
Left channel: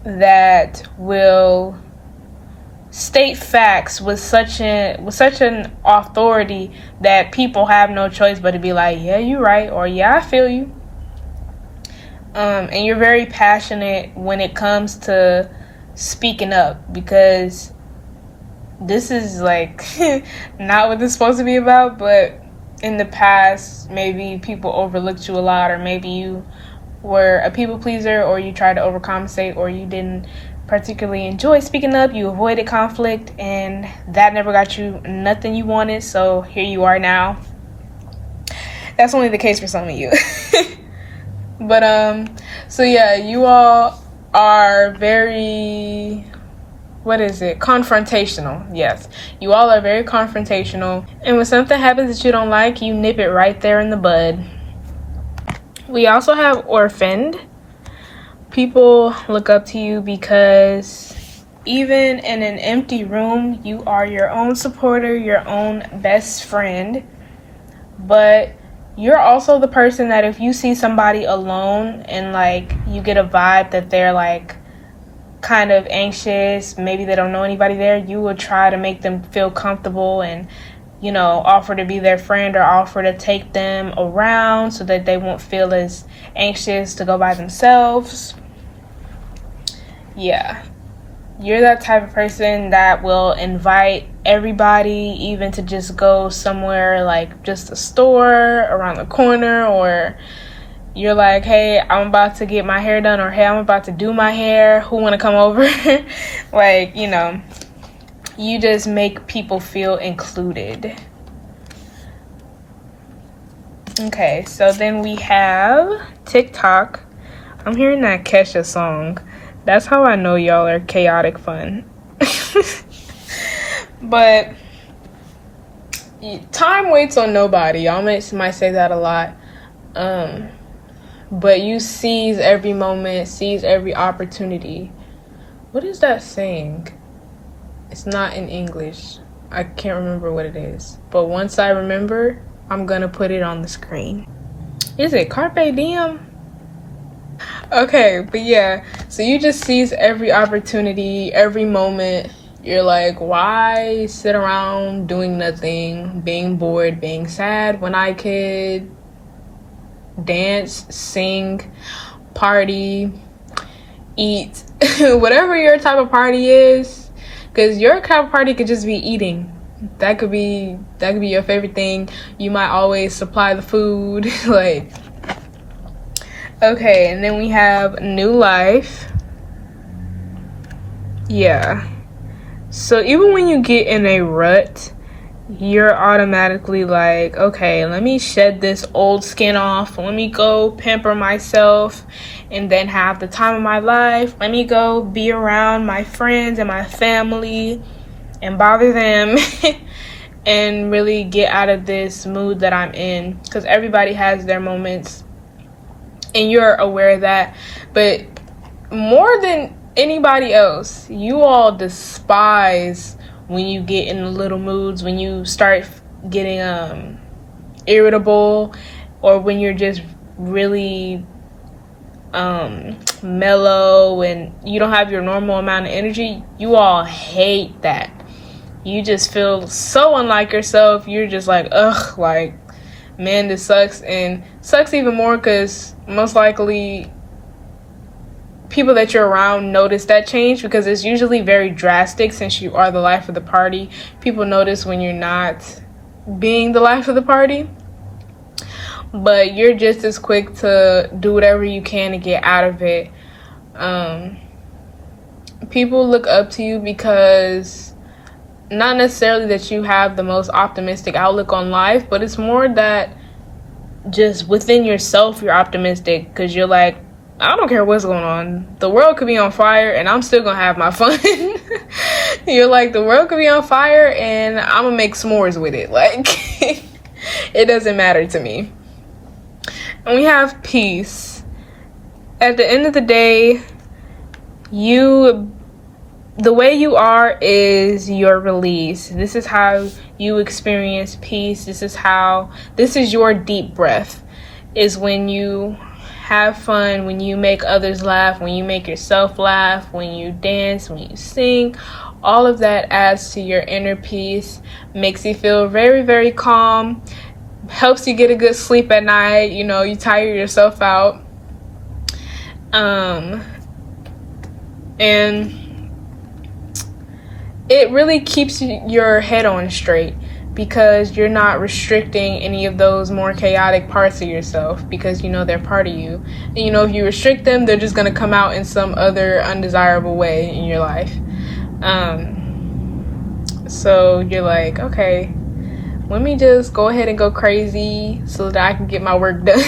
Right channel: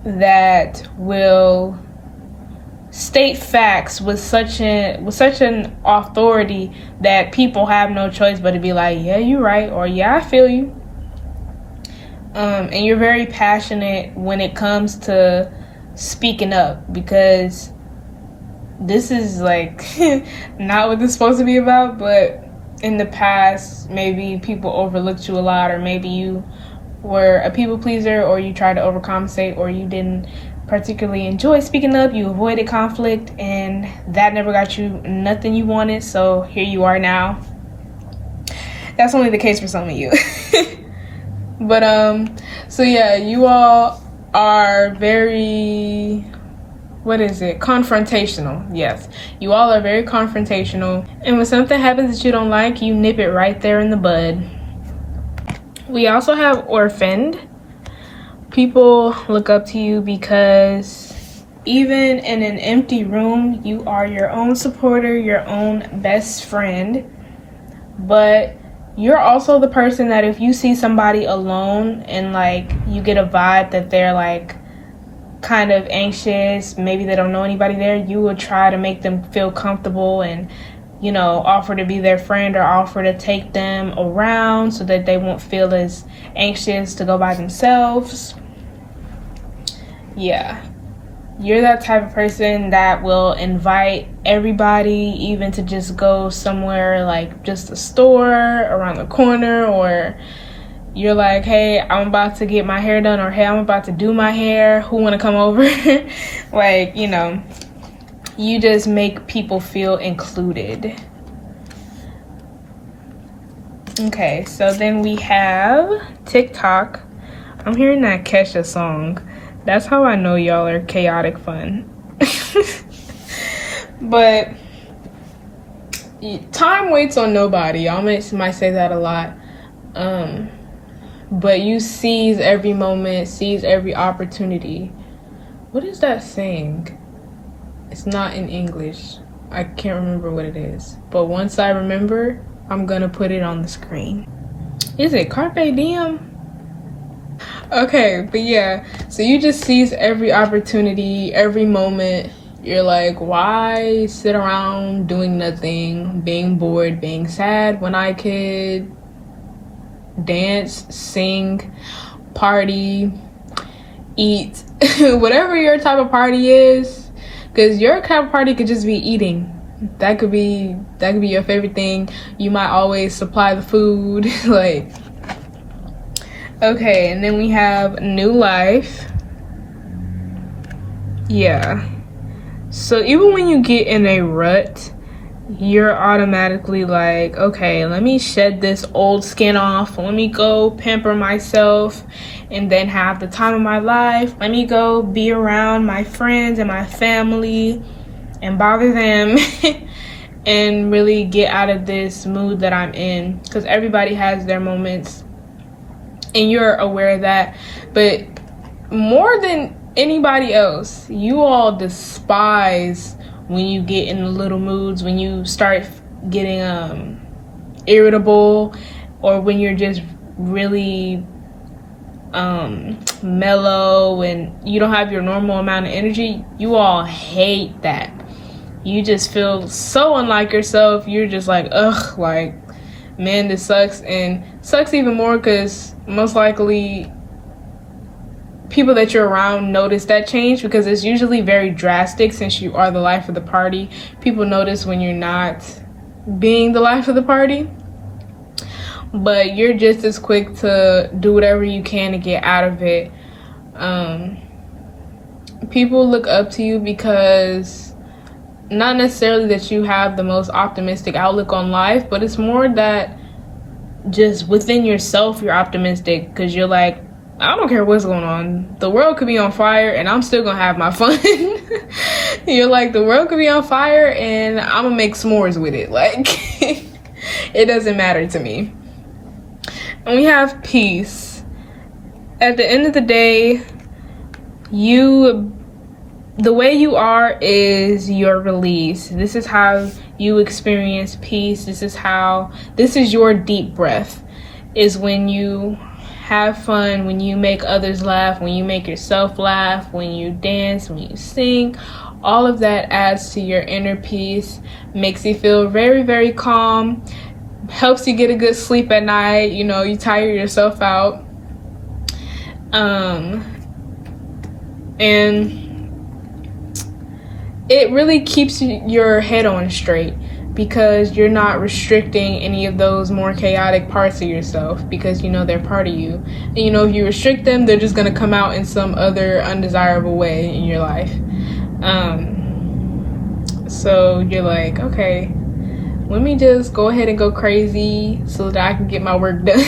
that will state facts with such an authority that people have no choice but to be like, yeah, you're right, or yeah, I feel you. And you're very passionate when it comes to speaking up, because this is like not what this is supposed to be about, but in the past, maybe people overlooked you a lot, or maybe you were a people pleaser, or you tried to overcompensate, or you didn't particularly enjoy speaking up, you avoided conflict, and that never got you nothing you wanted, so here you are now. That's only the case for some of you. But so yeah, you all are very, confrontational. Yes, you all are very confrontational, and when something happens that you don't like, you nip it right there in the bud. We also have Orphaned. People look up to you because even in an empty room, you are your own supporter, your own best friend. But you're also the person that if you see somebody alone and like you get a vibe that they're like kind of anxious, maybe they don't know anybody there, you will try to make them feel comfortable and, you know, offer to be their friend or offer to take them around so that they won't feel as anxious to go by themselves. Yeah. You're that type of person that will invite everybody, even to just go somewhere like just a store around the corner, or you're like, hey, I'm about to get my hair done, or hey, I'm about to do my hair, who want to come over? Like, you know, you just make people feel included. Okay, so then we have TikTok. I'm hearing that Kesha song. That's how I know y'all are chaotic fun. But time waits on nobody. Y'all might say that a lot. But you seize every moment, seize every opportunity. What is that saying? It's not in English. I can't remember what it is. But once I remember, I'm gonna put it on the screen. Is it Carpe Diem? Okay, but yeah, so you just seize every opportunity, every moment. You're like, why sit around doing nothing, being bored, being sad, when I could dance, sing, party, eat, whatever your type of party is, Because your kind of party could just be eating. That could be your favorite thing. You might always supply the food. Like, okay, and then we have new life. Yeah. So even when you get in a rut, you're automatically like, okay, let me shed this old skin off. Let me go pamper myself and then have the time of my life. Let me go be around my friends and my family and bother them and really get out of this mood that I'm in. Because everybody has their moments and you're aware of that. But more than anybody else, you all despise when you get in the little moods, when you start getting irritable, or when you're just really mellow and you don't have your normal amount of energy. You all hate that. You just feel so unlike yourself. You're just like, ugh, like, man, this sucks. And sucks even more because most likely people that you're around notice that change, because it's usually very drastic since you are the life of the party. People notice when you're not being the life of the party, but you're just as quick to do whatever you can to get out of it. People look up to you because not necessarily that you have the most optimistic outlook on life, but it's more that just within yourself you're optimistic because you're like, I don't care what's going on. The world could be on fire and I'm still gonna have my fun. You're like, the world could be on fire and I'm gonna make s'mores with it. Like, it doesn't matter to me. And we have peace. At the end of the day, the way you are is your release. This is how you experience peace. This is your deep breath, is when you have fun, when you make others laugh, when you make yourself laugh, when you dance, when you sing. All of that adds to your inner peace, makes you feel very, very calm, helps you get a good sleep at night. You know, you tire yourself out. And it really keeps your head on straight, because you're not restricting any of those more chaotic parts of yourself, because you know they're part of you. And you know, if you restrict them, they're just going to come out in some other undesirable way in your life. So you're like, okay, let me just go ahead and go crazy so that I can get my work done.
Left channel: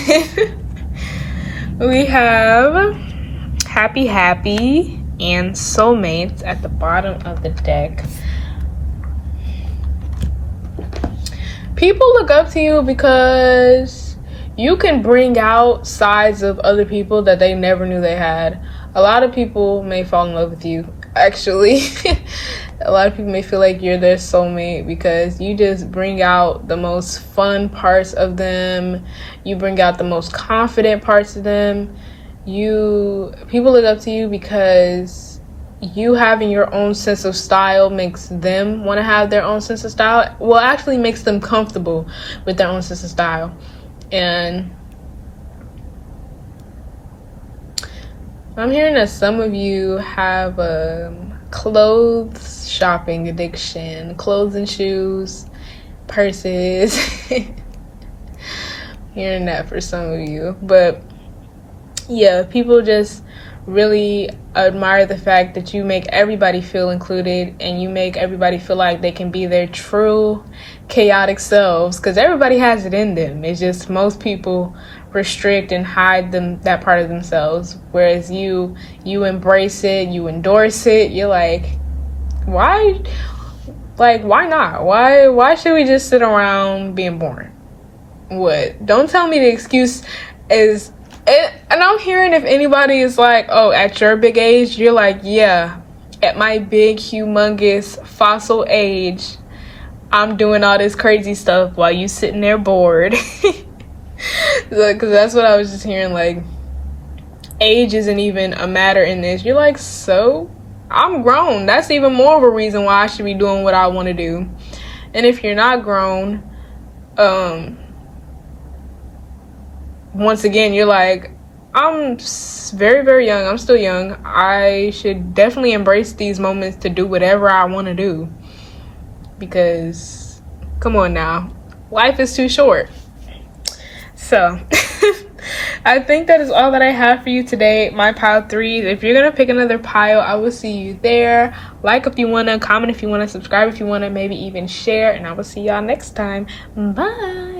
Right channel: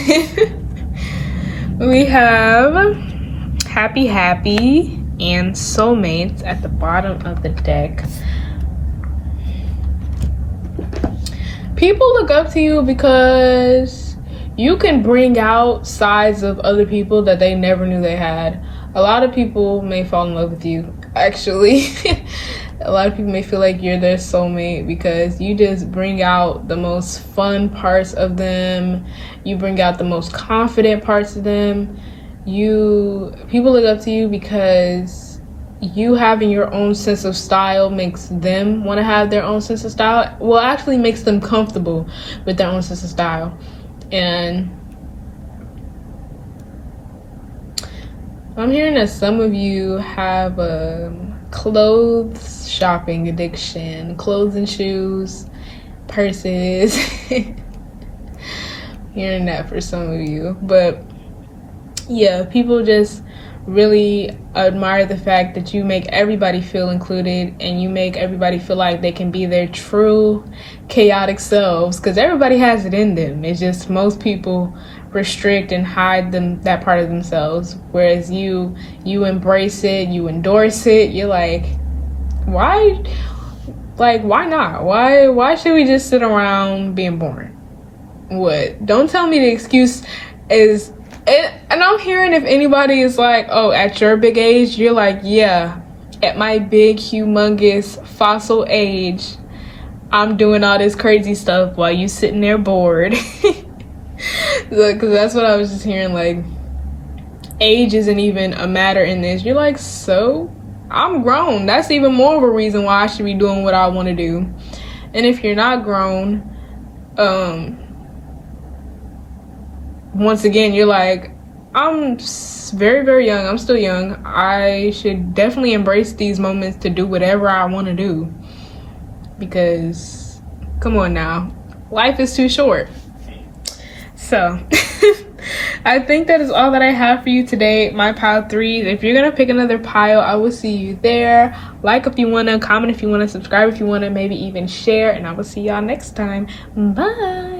We have happy and soulmates at the bottom of the deck. People look up to you because you can bring out sides of other people that they never knew they had. A lot of people may fall in love with you, actually. A lot of people may feel like you're their soulmate because you just bring out the most fun parts of them. You bring out the most confident parts of them. People look up to you because you having your own sense of style makes them want to have their own sense of style. Well, actually makes them comfortable with their own sense of style. And I'm hearing that some of you have a clothes shopping addiction, clothes and shoes, purses. Hearing that for some of you. But yeah, people just really admire the fact that you make everybody feel included and you make everybody feel like they can be their true chaotic selves, because everybody has it in them. It's just most people restrict and hide that part of themselves, whereas you embrace it, you endorse it. You're like, why not? Why should we just sit around being boring? What? Don't tell me the excuse is it. And I'm hearing, if anybody is like, oh, at your big age, you're like, yeah, at my big, humongous, fossil age, I'm doing all this crazy stuff while you sitting there bored. Because that's what I was just hearing, like, age isn't even a matter in this. You're like, so I'm grown. That's even more of a reason why I should be doing what I want to do. And if you're not grown, once again, you're like, very, very young. I'm still young. I should definitely embrace these moments to do whatever I want to do. Because, come on now, life is too short. So, I think that is all that I have for you today, my pile threes. If you're going to pick another pile, I will see you there. Like if you want to, comment if you want to, subscribe if you want to, maybe even share. And I will see y'all next time. Bye.